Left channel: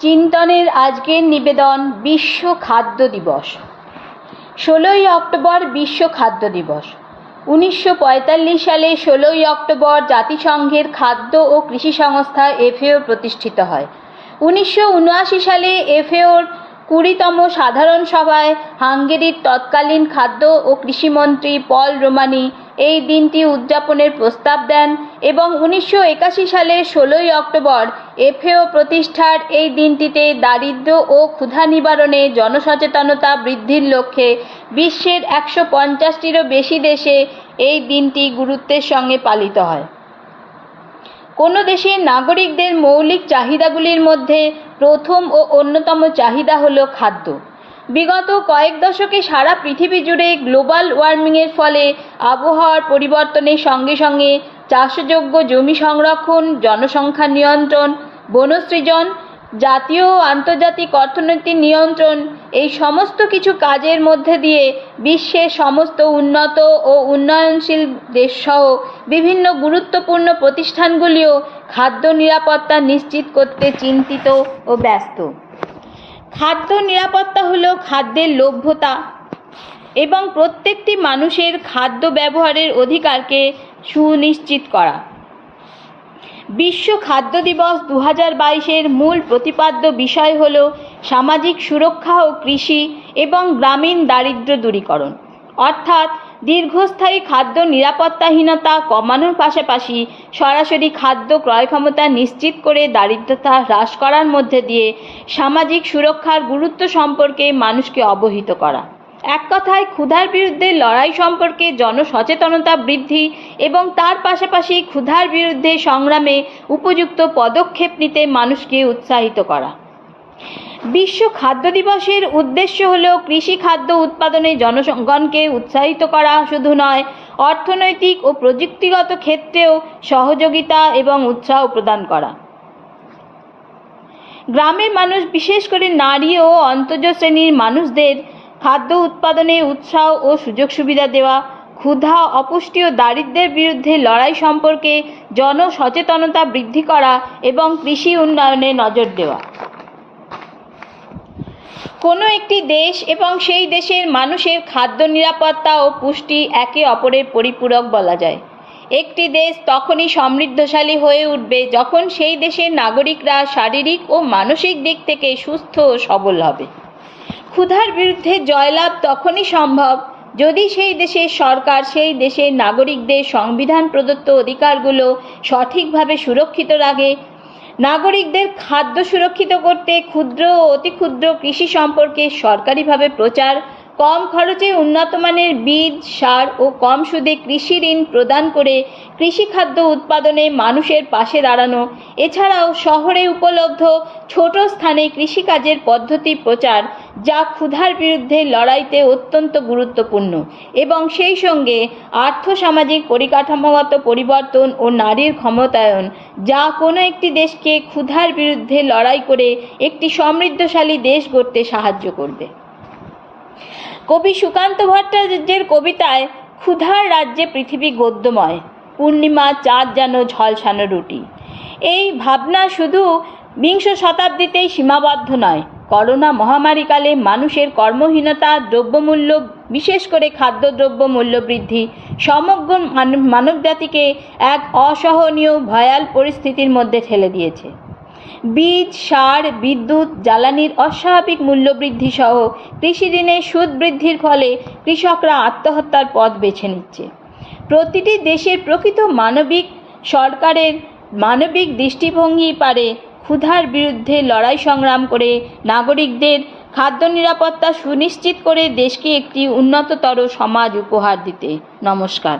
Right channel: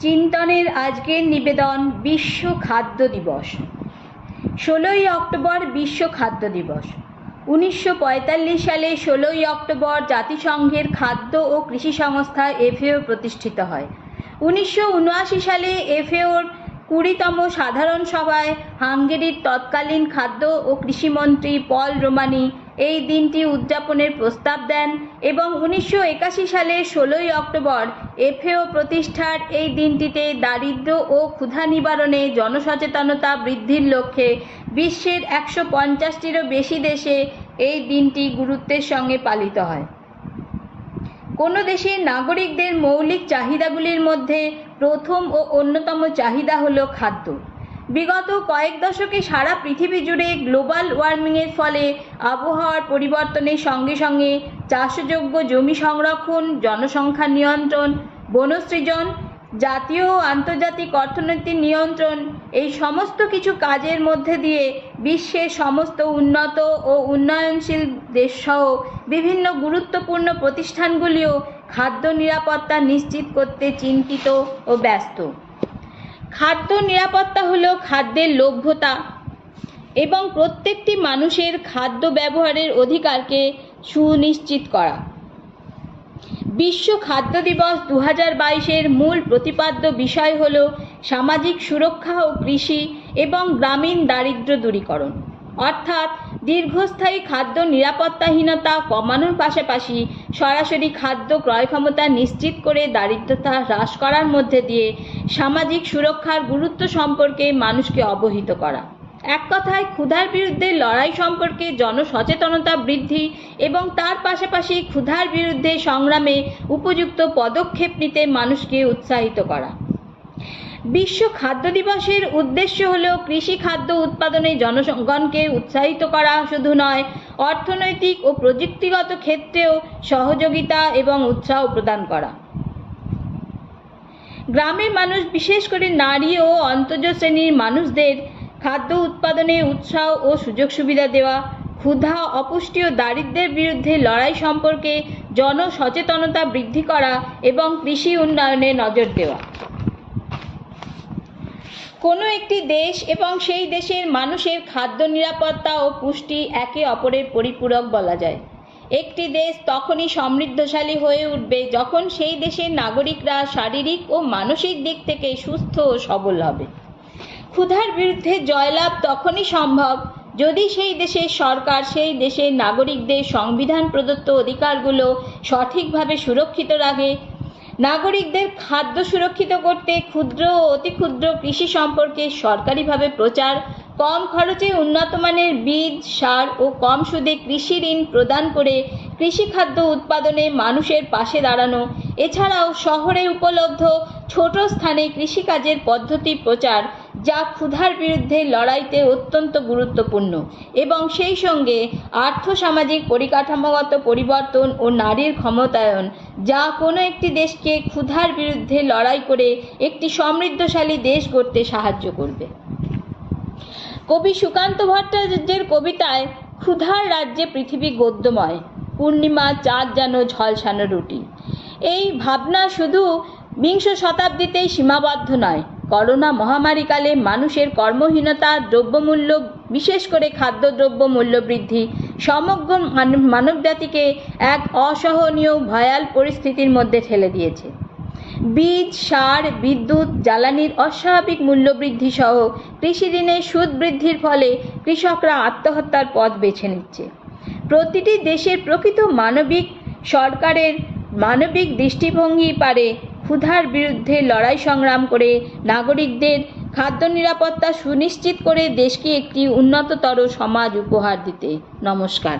চিন্তনের আজকের নিবেদন বিশ্ব খাদ্য দিবস। ষোলোই অক্টোবর বিশ্ব খাদ্য দিবস। উনিশশো পঁয়তাল্লিশ সালে ষোলোই অক্টোবর জাতিসংঘের খাদ্য ও কৃষি সংস্থা এফএও প্রতিষ্ঠিত হয়। উনিশশো উনআশি সালে এফএওর কুড়িতম সাধারণ সভায় হাঙ্গেরির তৎকালীন খাদ্য ও কৃষিমন্ত্রী পল রোমানি এই দিনটি উদযাপনের প্রস্তাব দেন এবং উনিশশো সালের ষোলোই অক্টোবর এফএও প্রতিষ্ঠার এই দিনটিতে দারিদ্র্য ও ক্ষুধা নিবারণে জনসচেতনতা বৃদ্ধির লক্ষ্যে বিশ্বের একশো পঞ্চাশটিরও বেশি দেশে এই দিনটি গুরুত্বের সঙ্গে পালিত হয়। কোনো দেশের নাগরিকদের মৌলিক চাহিদাগুলির মধ্যে প্রথম ও অন্যতম চাহিদা হল খাদ্য। বিগত কয়েক দশকে সারা পৃথিবী জুড়ে গ্লোবাল ওয়ার্মিংয়ের ফলে আবহাওয়ার পরিবর্তনের সঙ্গে সঙ্গে চাষযোগ্য জমি সংরক্ষণ, জনসংখ্যা নিয়ন্ত্রণ, বনসৃজন, জাতীয় ও আন্তর্জাতিক অর্থনৈতিক নিয়ন্ত্রণ এই সমস্ত কিছু কাজের মধ্যে দিয়ে বিশ্বের সমস্ত উন্নত ও উন্নয়নশীল দেশসহ বিভিন্ন গুরুত্বপূর্ণ প্রতিষ্ঠানগুলিও খাদ্য নিরাপত্তা নিশ্চিত করতে চিন্তিত ও ব্যস্ত। খাদ্য নিরাপত্তা হল খাদ্যের লভ্যতা এবং প্রত্যেকটি মানুষের খাদ্য ব্যবহারের অধিকারকে সুনিশ্চিত করা। বিশ্ব খাদ্য দিবস দু হাজার বাইশের মূল প্রতিপাদ্য বিষয় হল সামাজিক সুরক্ষা ও কৃষি এবং গ্রামীণ দারিদ্র দূরীকরণ। অর্থাৎ দীর্ঘস্থায়ী খাদ্য নিরাপত্তাহীনতা কমানোর পাশাপাশি সরাসরি খাদ্য ক্রয় ক্ষমতা নিশ্চিত করে দারিদ্রতা হ্রাস করার মধ্যে দিয়ে সামাজিক সুরক্ষার গুরুত্ব সম্পর্কে মানুষকে অবহিত করা। এক কথায়, ক্ষুধার বিরুদ্ধে লড়াই সম্পর্কে জনসচেতনতা বৃদ্ধি এবং তার পাশাপাশি ক্ষুধার বিরুদ্ধে সংগ্রামে উপযুক্ত পদক্ষেপ নিতে মানুষকে উৎসাহিত করা। বিশ্ব খাদ্য দিবসের উদ্দেশ্য হল কৃষি খাদ্য উৎপাদনে জনগণকে উৎসাহিত করা শুধু নয়, অর্থনৈতিক ও প্রযুক্তিগত ক্ষেত্রেও সহযোগিতা এবং উৎসাহ প্রদান করা। গ্রামের মানুষ, বিশেষ করে নারী ও অন্তর্জ শ্রেণির মানুষদের খাদ্য উৎপাদনে উৎসাহ ও সুযোগ সুবিধা দেওয়া, ক্ষুধা, অপুষ্টি ও দারিদ্র্যের বিরুদ্ধে লড়াই সম্পর্কে জনসচেতনতা বৃদ্ধি করা এবং কৃষি উন্নয়নে নজর দেওয়া। কোনো একটি দেশ এবং সেই দেশের মানুষের খাদ্য নিরাপত্তা ও পুষ্টি একে অপরের পরিপূরক বলা যায়। একটি দেশ তখনই সমৃদ্ধশালী হয়ে উঠবে যখন সেই দেশের নাগরিকরা শারীরিক ও মানসিক দিক থেকে সুস্থ ও সবল হবে। ক্ষুধার বিরুদ্ধে জয়লাভ তখনই সম্ভব যদি সেই দেশের সরকার সেই দেশের নাগরিকদের সংবিধান প্রদত্ত অধিকারগুলো সঠিকভাবে সুরক্ষিত রাখে নাগরিকদের খাদ্য সুরক্ষিত করতে ক্ষুদ্র ও অতি ক্ষুদ্র কৃষি সম্পর্কে সরকারিভাবে প্রচার, কম খরচে উন্নত মানের বীজ, সার ও কম সুদে কৃষি ঋণ প্রদান করে কৃষিখাদ্য উৎপাদনে মানুষের পাশে দাঁড়ানো। এছাড়াও শহরে উপলব্ধ ছোট স্থানে কৃষিকাজের পদ্ধতি প্রচার যা ক্ষুধার বিরুদ্ধে লড়াইতে অত্যন্ত গুরুত্বপূর্ণ এবং সেই সঙ্গে আর্থসামাজিক পরিকাঠামোগত পরিবর্তন ও নারীর ক্ষমতায়ন, যা কোনো একটি দেশকে ক্ষুধার বিরুদ্ধে লড়াই করে একটি সমৃদ্ধশালী দেশ গড়তে সাহায্য করবে। কবি সুকান্ত ভট্টাচার্যের কবিতায়, ক্ষুধার রাজ্যে পৃথিবী গদ্যময়, পূর্ণিমা চাঁদ যেন ঝলসানো রুটি। এই ভাবনা শুধু বিংশ শতাব্দীতেই সীমাবদ্ধ নয় করোনা মহামারীকালে মানুষের কর্মহীনতা, দ্রব্যমূল্য, বিশেষ করে খাদ্যদ্রব্য মূল্যবৃদ্ধি সমগ্র মানবজাতিকে এক অসহনীয়, ভয়াল পরিস্থিতির মধ্যে ঠেলে দিয়েছে। বীজ, সার, বিদ্যুৎ, জ্বালানির অস্বাভাবিক মূল্যবৃদ্ধি সহ কৃষি ঋণের সুদ বৃদ্ধির ফলে কৃষকরা আত্মহত্যার পথ বেছে নিচ্ছে। প্রতিটি দেশের প্রকৃত মানবিক সরকারের মানবিক দৃষ্টিভঙ্গি পারে ক্ষুধার বিরুদ্ধে লড়াই সংগ্রাম করে নাগরিকদের খাদ্য নিরাপত্তা সুনিশ্চিত করে দেশকে একটি উন্নততর সমাজ উপহার দিতে। নমস্কার।